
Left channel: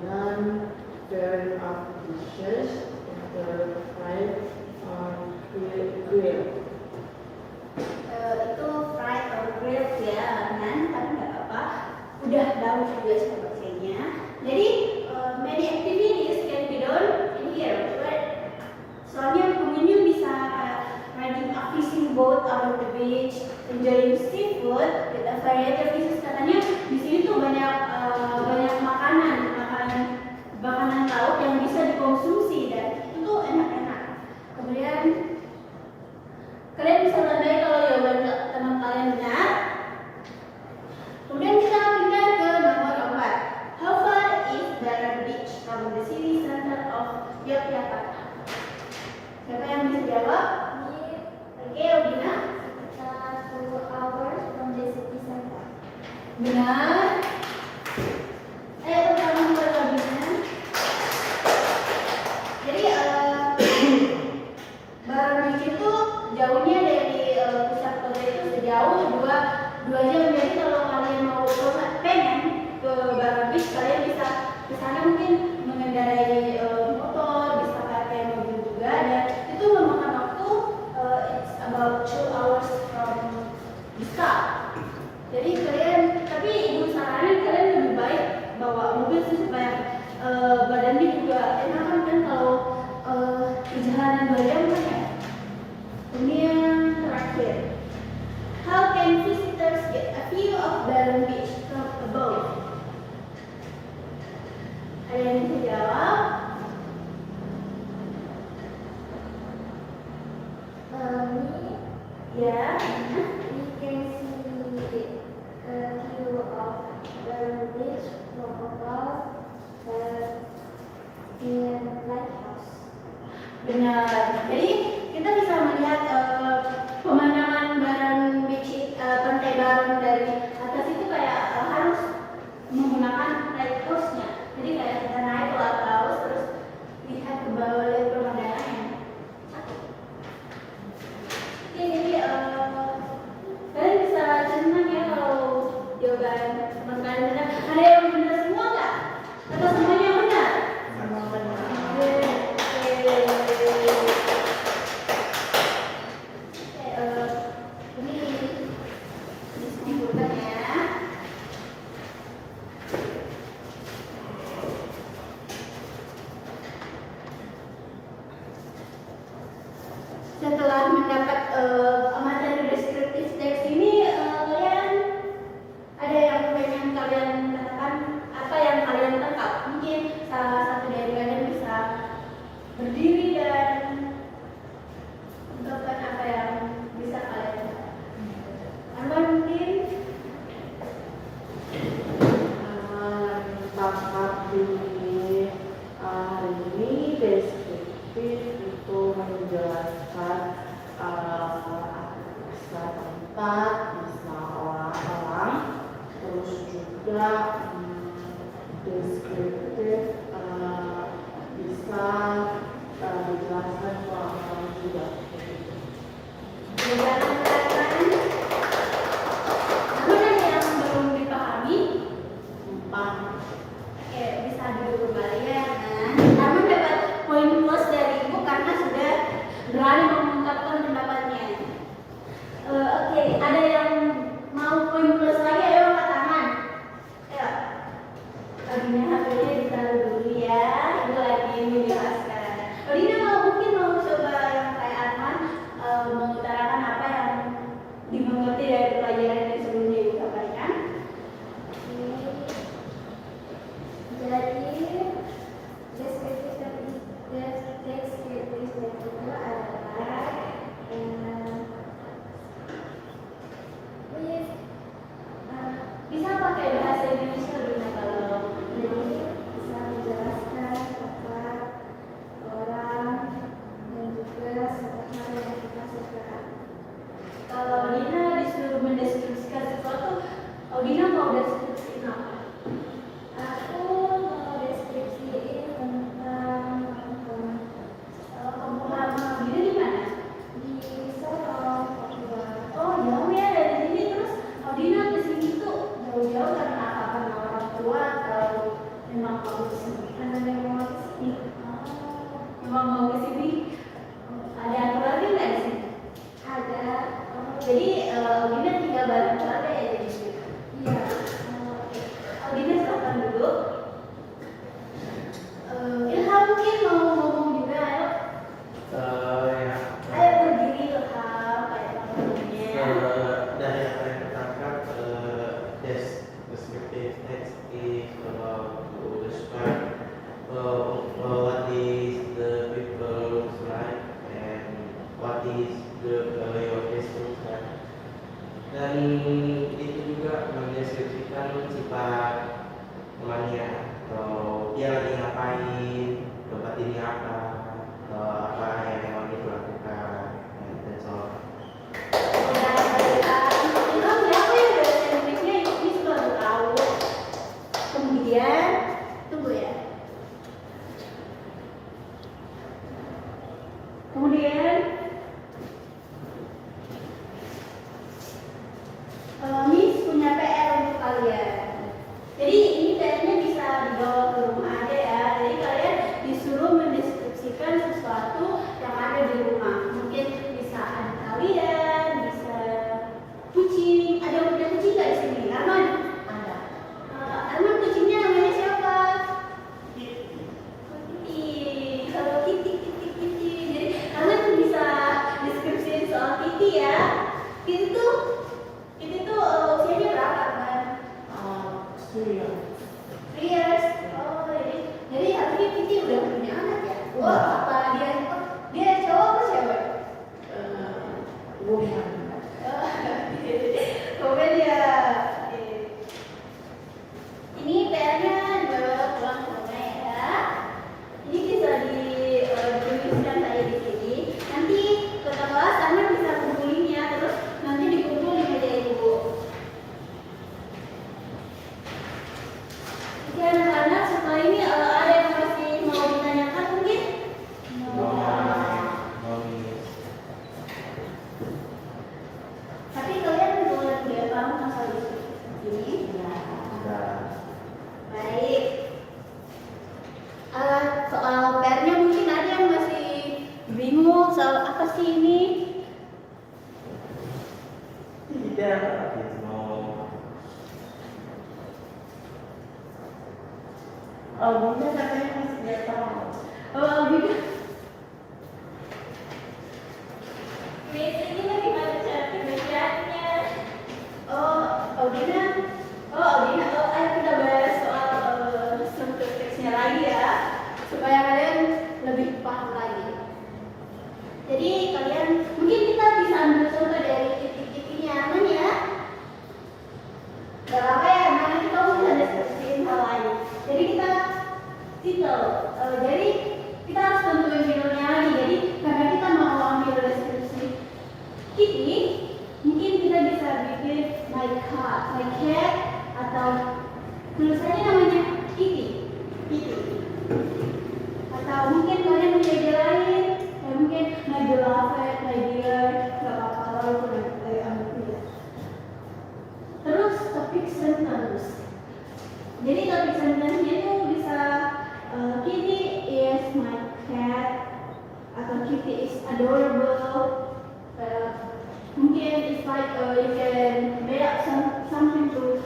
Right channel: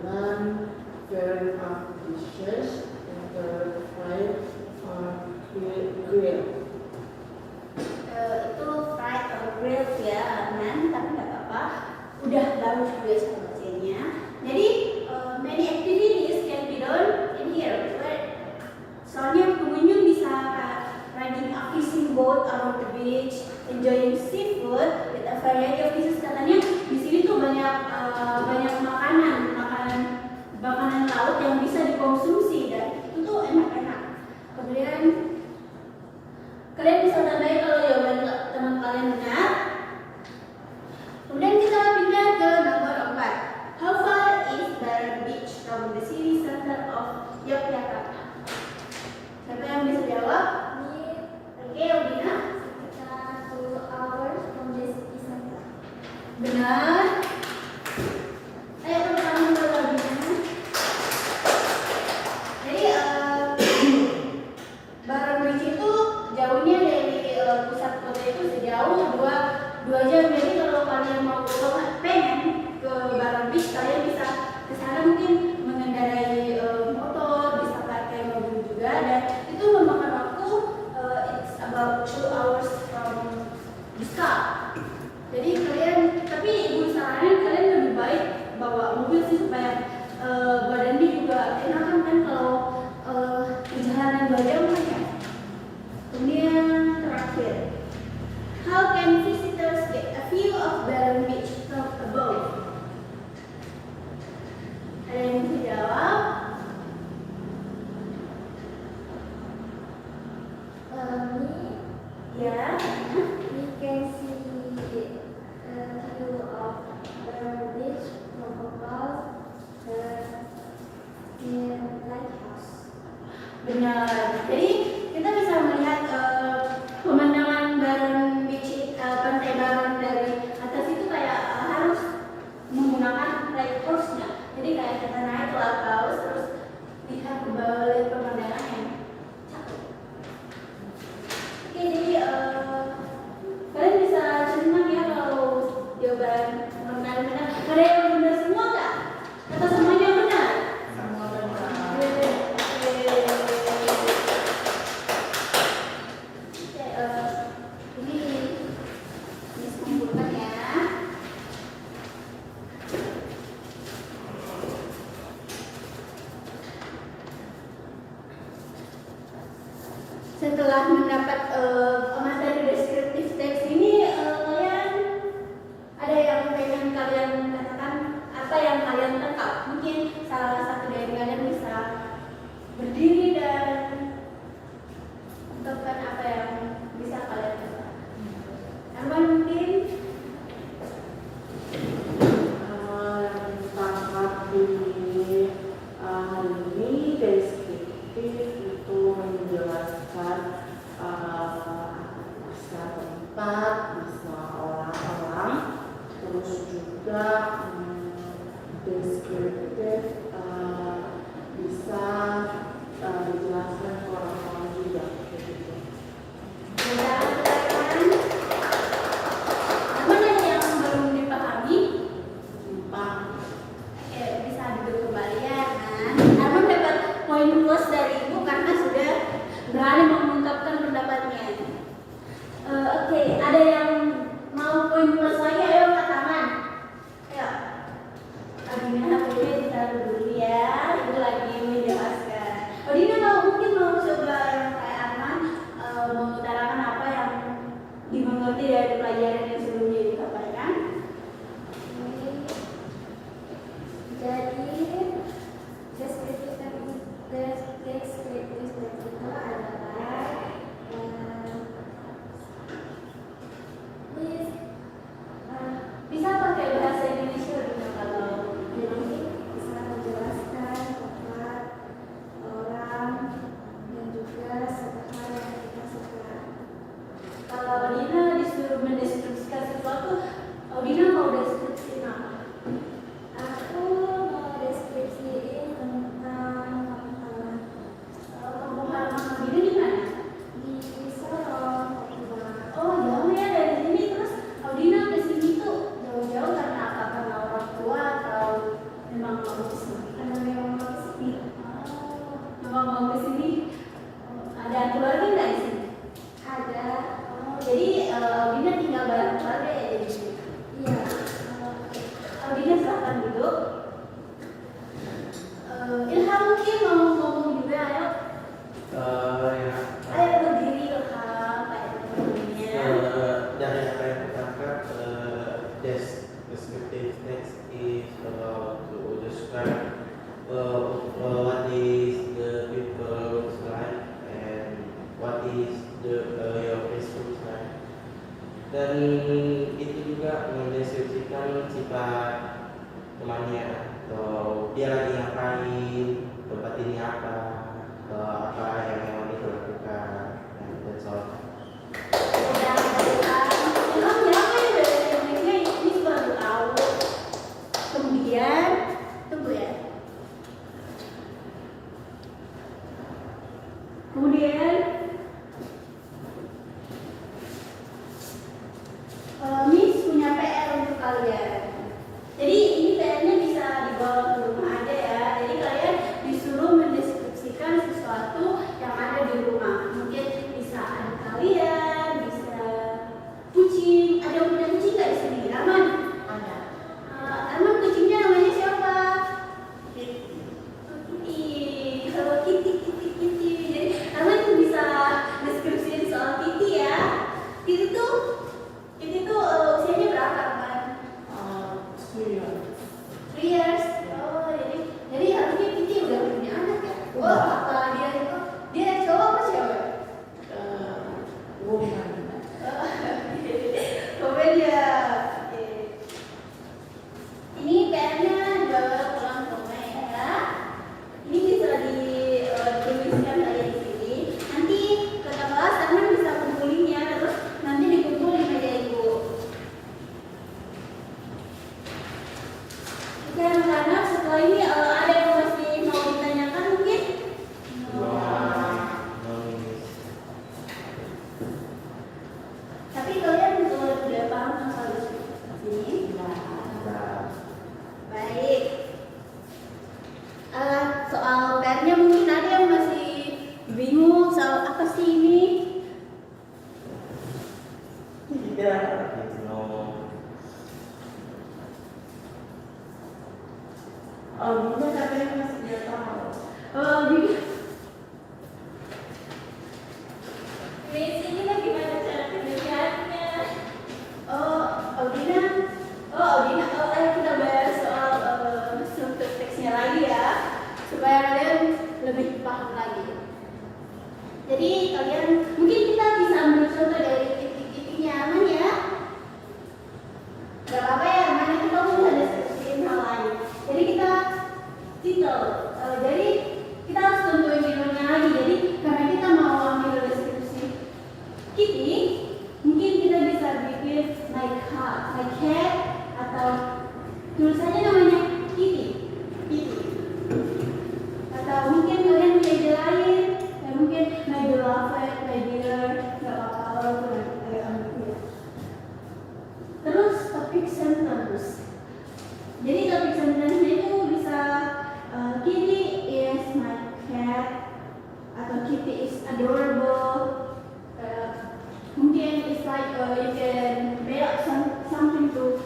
dengan very dishes and fried grill. Itu fried or grilled ya, Arman, tapi nggak apa-apa. Udah tahu juga sebagainya. Jadi many activities can be done in here. Soalnya pengunjung bisa riding a fishing boat on the beach, enjoying seafood with a variety of dishes. Katanya di sini tuh banyak makanan laut yang bisa dikonsumsi dan itu tuh enak-enak. Kemudian kalian bisa tandai kalau jawaban teman kalian benar. Kemudian kita pindah ke nomor 4. How far is Barren Beach from the city center of Yogyakarta? Siapa yang bisa jawab? Oke, Audina. Sekitar 2 hours from the city center. Benar. Ayo teman-teman mulai Audina. Jadi Barren Beach itu jauhnya dari pusat kota itu sejauh 2 jam. Jadi kalau kalian mau pengen ke Barren Beach, kalian bisa ke sana mungkin mengendarai motor, bisa pakai mobil juga, dan itu memakan waktu it's about 2 hours from this car. Jadi tapi ibu saranin kalian lebih baik bawa mobil sih supaya badannya juga enakan kan kalau perjalanan badan kan ya. Kemudian terakhir, how can visitors get a view of Barren Beach from above? Kalian bisa jawab? We Ya. can see Benar. Jadi kita bisa melihat pemandangan Baron Beach, pantai Baron dari atas itu kayak harus menggunakan light course-nya. Jadi kayak kita naik ke atas terus lihat ke bawah, lihat pemandangan yang cantik. Oke, jadi kalian bisa senang ya kalau jawaban teman kalian benar. Ada yang benar semua nggak? Atau semuanya benar? Semua benar. Setelah mendapat materi deskriptif teks ini, kalian ada yang pengen kalian katakan, apa yang kalian tangkap? Mungkin salah satu dari kalian bisa berdiri dan ungkapkan apa yang bisa kalian katakan. Arman mungkin? Yang tangkap di hari ini deskriptif itu menjelaskan bisa tempat, bisa orang-orang, terus juga deskriptif bisa dijelaskan ke orang-orang juga. Mudah katakan. Arman ada yang belum dipahami? Oke, bisa duduk kembali ya. Nah, Arman dapat poin plus dari ibu karena sudah berani mengungkapkan pendapatnya. Oke, ada yang mau poin plus lagi? Ayo angkat tangan. Ayo. Odina HP-nya ditaruh dulu ya. Ibu lagi menjelaskan. Odina mungkin mau coba yang kayak Arman, mengutarakan apa yang dimengerti dari pelajaran yang sebelumnya ibu sampaikan. Jadi deskriptif itu adalah Bisa pakai bahasa Indonesia Odina kalau jadi bisa menjelaskan tempat, orang, dan juga suatu hal yang kita suka. kalau Odina disuruh mendeskripsikan sesuatu, Odina mau deskripsiin apa? Aku mau deskripsiin tentang Kampung halaman Odina di mana? di Solo, Papua. Oh, jauh ya dari sini. Terus Odina ke sini tuh jauh-jauh karena apa? Karena orang tua atau memang mau ke sini? Karena memang mau ke sini. Oh, memang mau ke sini. Ada keluarga nggak di sini? Ada. Jadi Odina tinggal bareng keluarga ya jadi? Iya. Odina silakan dulu. Ilham mungkin mau ngomong juga, ayo. Ya, Ayo berdiri Ilham kayak teman-temannya. dari apa yang tertangkap, descriptive text is about to describe what is the people's life and what is your person's life. Dan itu juga mendeskripsikan sifat temannya, dia lagi ngapain, tempat ini apa, apa yang memang dia lakukan, dan so on. Ilham siapa ya dari tekniknya ini baru tahu. Kemudian tunggu ya. Kemudian Miss punya PR untuk kalian. Jadi ini PR-nya bisa dibawa ke rumah aja ya. Jadi kalian disuruh mendeskripsikan sesuatu yang ada di rumah. Mungkin bisa ada kalian, bisa kucing. Ada yang punya kucing nggak di sini? Arman? Ada. Arman kucingnya namanya siapa? Kitty. Kalau Kitty. Jadi Arman tuh bisa deskripsiin soal Kitty ya. Kitty tuh usianya berapa, Arman? 3 years. 3 years. Oh, jadi harusnya Kitty udah punya anak ya? Oh, apa dia cowok apa cewek? Woman. Kemudian ya, ini PR-nya dibawa pulang ke rumah ya. Ini bisa dituliskan saja Kitty? Ya. Baik. Soal PR-nya mungkin ada yang masih bingung soal apa sih ini? Tidak. Oh, Bunda katanya masih tidak tahu. Oh, gitu. Miss, ini bagaimana cara kerjanya? Audina. Audina. Ayo kita bahas soal struktur teksnya lagi ya, supaya kalian lebih paham lagi. Jadi kalian mungkin kita bisa ambil contoh dari titik-titiknya, aman ya? Gak apa-apa ya, mana kita bisa deskripsiin hal lain. Jadi kita jadi kita harus tentuin judulnya lagi. Jadi karena kita mau ambil deskripsi Kitty, mungkin kita bisa bikin my cat, atau tulis aja namanya Kitty. Atau mungkin kalian punya ide lain, ya mungkin my beloved, my dear, nggak apa-apa walaupun ambil. Terus topik sentence. Jadi topik sentence-nya itu bisa Kitty is my cat, atau Kitty is adorable. Mungkin it's like you can make up something to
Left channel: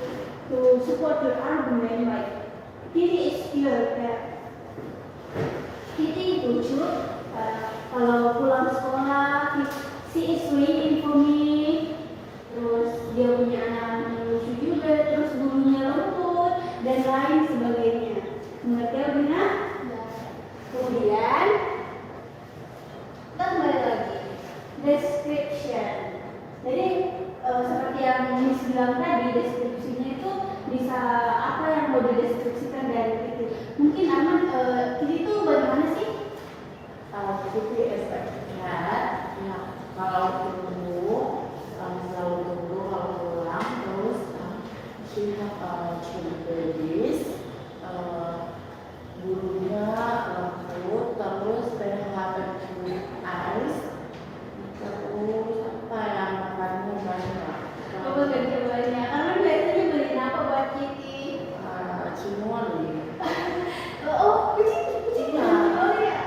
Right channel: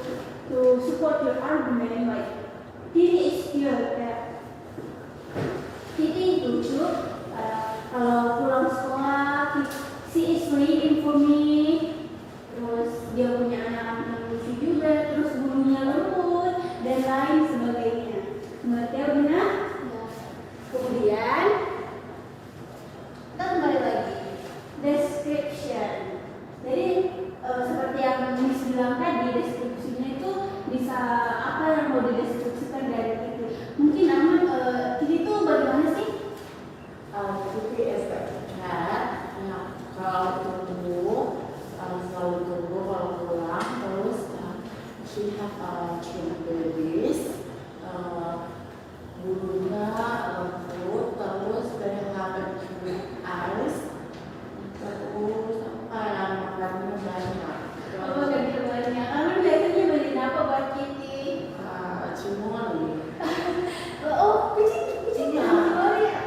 support your argument, like Kitty is pure cat. Kitty lucu. Kalau pulang sekolah, she is waiting for me. Terus dia punya anak yang lucu juga, terus bulunya lembut dan lain sebagainya. Mengerti Audina? Kemudian kita kembali lagi description. Jadi seperti yang Miss bilang tadi, deskripsinya itu bisa apa yang mau dideskripsikan dari Kitty. Mungkin aman, Kitty itu bagaimana sih? Kitty is a cat. Ya, kalau tunggu, selalu tunggu kalau pulang. Terus she have two babies. Bulunya lembut, terus they have two eyes. Terus apa yang makannya banyak. Banyak. Karena biasanya beliin apa buat Kitty? Cimoli. Kucing.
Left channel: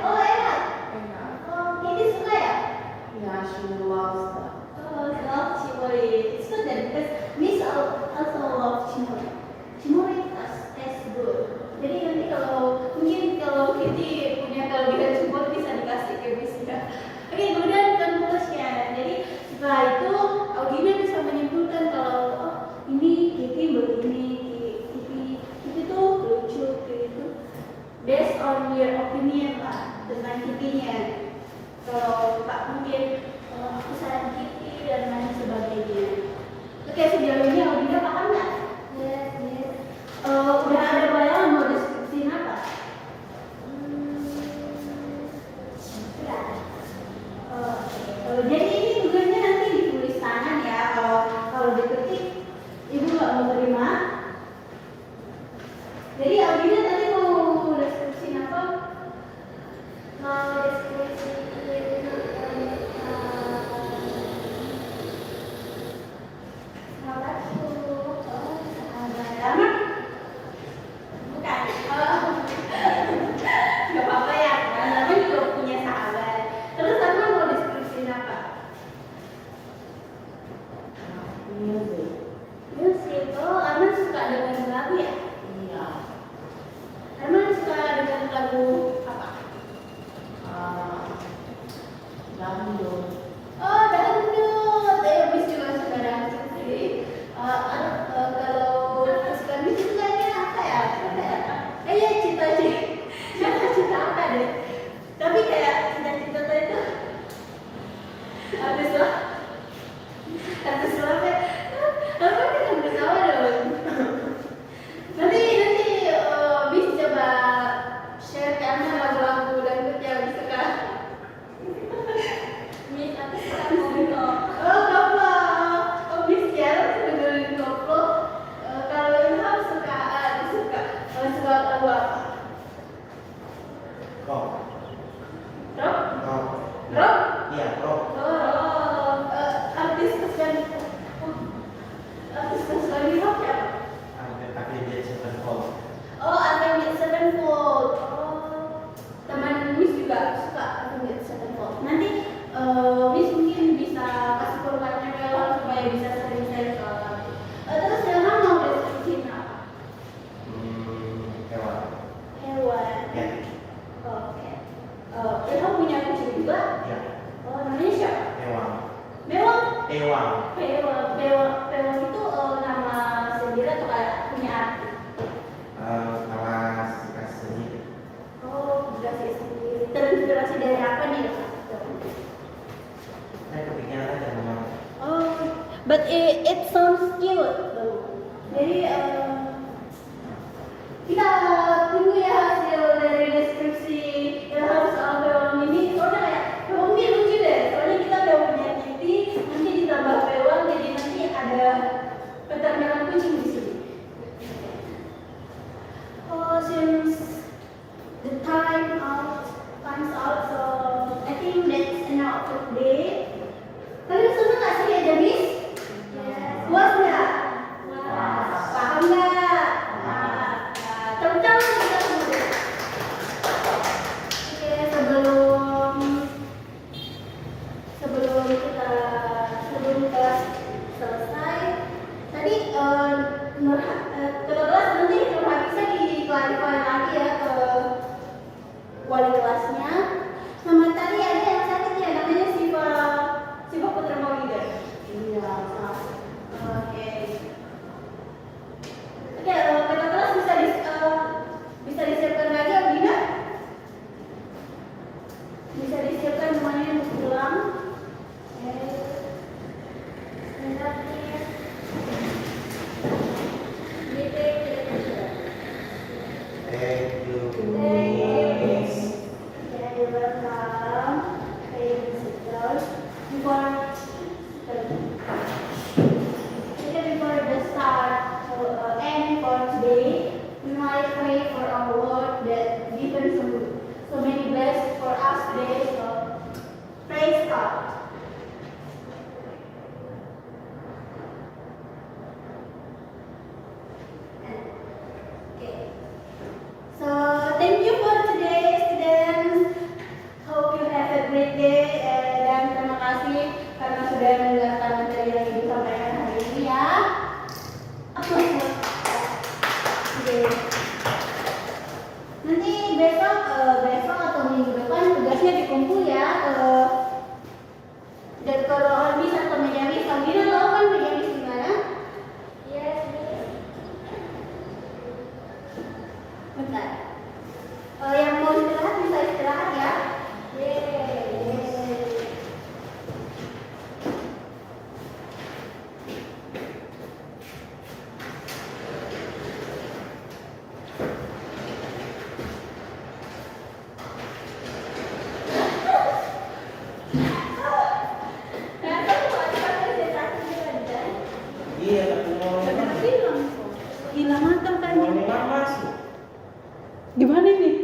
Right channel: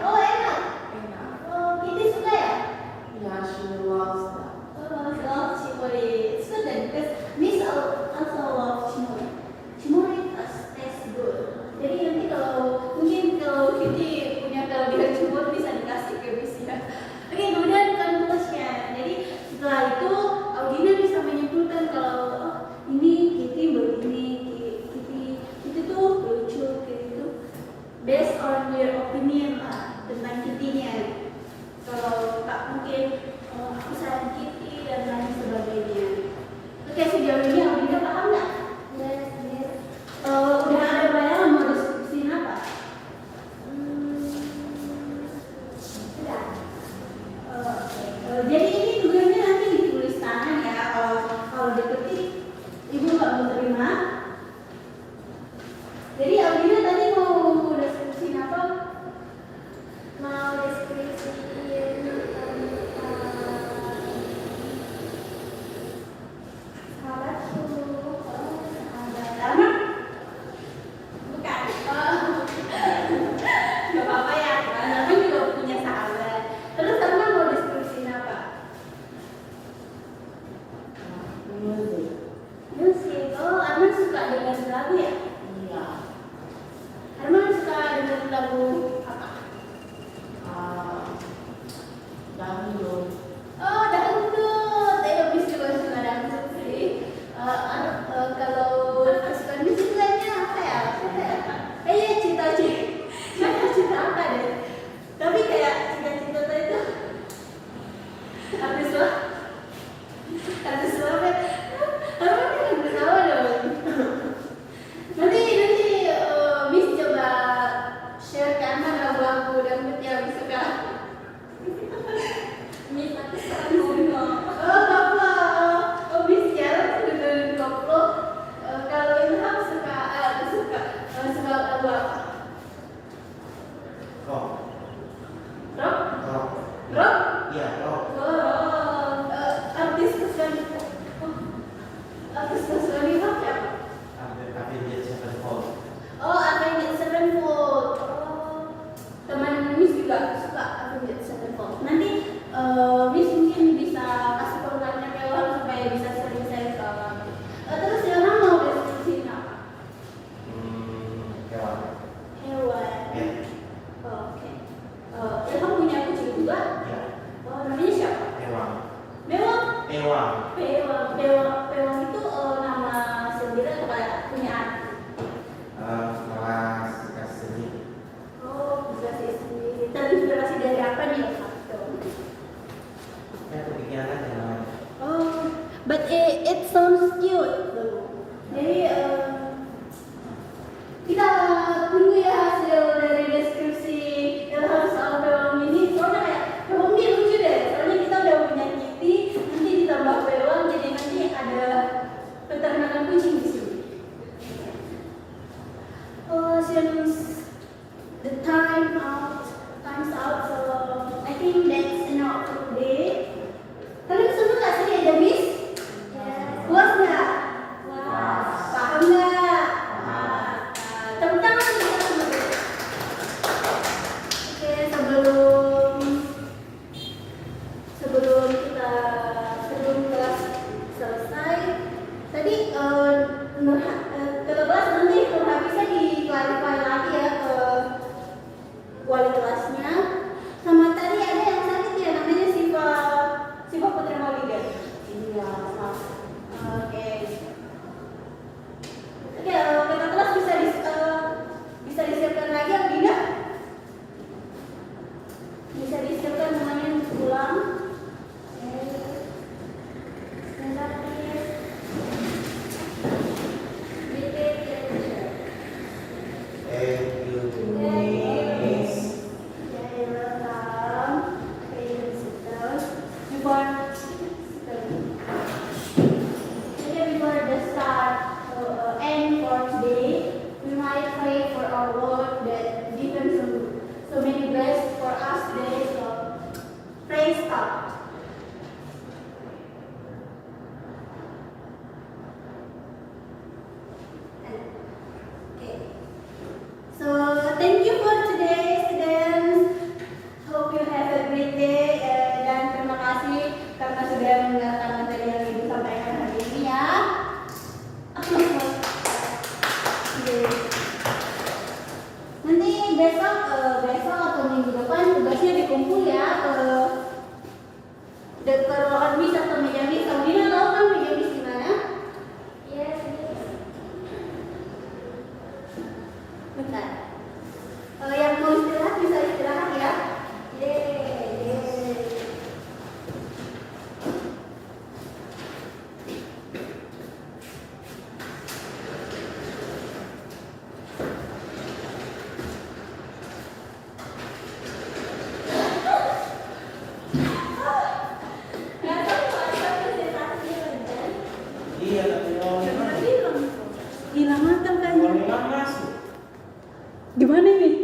Oh, enak. Enak. Oh, Kitty suka ya? Ya, she loves that. Oh, I love Chimori. It's good then, because Miss also loves Chimori. Chimori tastes good. Jadi nanti mungkin kalau Kitty punya kelebihan Chimori bisa dikasih ke Miss ya. Oke, kemudian conclusion. Jadi setelah itu Audina bisa menyimpulkan kalau ini Kitty begini, Kitty tuh lucu, Kitty tuh based on your opinion lah tentang Kitty-nya. Kalau tak mungkin aku sayang Kitty dan lain sebagainya. Oke, sejauh ini Audina paham nggak? Yes. Udah ada bayangan mau deskripsiin apa? Sudah. Jadi ini tugasnya nanti ditulis tangan ya. Kalau diketik ibu nggak mau terima. Jadi Audina tadi mau deskripsiin apa? Mau deskripsiin sahabatku. Taman? Bukan. Gak apa-apa ya. Taman juga punya sahabat. Terus Taman mau deskripsiin apa? Music. Musik. Oh, Arman suka dengar lagu ya? Iya. Arman suka dengar lagu apa? Dangdut. Oh, dangdut. Miss juga suka dangdut sih. Kalau kesukaan Miss sukanya apa ya? Apa ya? Kayaknya cita-cita apa deh. Tapi kayak cita-cita itu artis lah ya. Apa kan artis apa dong? Nanti Miss coba share karena lagu-lagu dangdut yang suka. Miss aku suka koplo. Oh, koplo. Oh, Miss jarang suka dengerin koplo. Kalau Ilham suka lagu apa? Rock. Rock? Rock. Rock? Iya, rock. Oh, artis kesukaan rock siapa? but it sounds cute. Jadi kita tunggu ya hasil dari deskripsi dalam soal peluang ini. Soalnya kayak peluang ini lucu deh. Soalnya kita udah punya Kitty, nanti ditambah peluang, jadi nanti ada peternakan kucing di sini. Oh, since the time's out, so I think that's enough for today. Kalian senang nggak sih ya, Miss? Puas nggak? Paham nggak? Tepuk tangan kita semua. Oke, sebelum kelas selesai, tadi ke-12 nanti bisa diklarifikasi lagi ya ke wali kelasnya. Sama tadi ada yang sakit ya, namanya Siva Putra Mawiga. Iya, Oke, kata kelas bisa disiapkan lagi apa tidak? Bisa disiapkan semuanya untuk pulang. Sebentar, please. Thank you. Miss. You're welcome. Before the start end for today, we might pray for our Lord that given so many blessings for us today. So praise God. Okay. So thank you for today, students. Hope you have a great day dan terima kasih karena sudah mendengarkan materi yang Ibu sampaikan hari ini ya. Oke. Nanti besok atau minggu depan tugasnya dikumpul ya dekat ruangan Miss atau meja Miss. Kamu Dina tahu kan meja Miss di mana? Yes, Miss. Bentar. Yang mau istirahat bisa istirahat ya. Iya, ketemu. Hilang mata kan? Mau masuk. Gimana nih?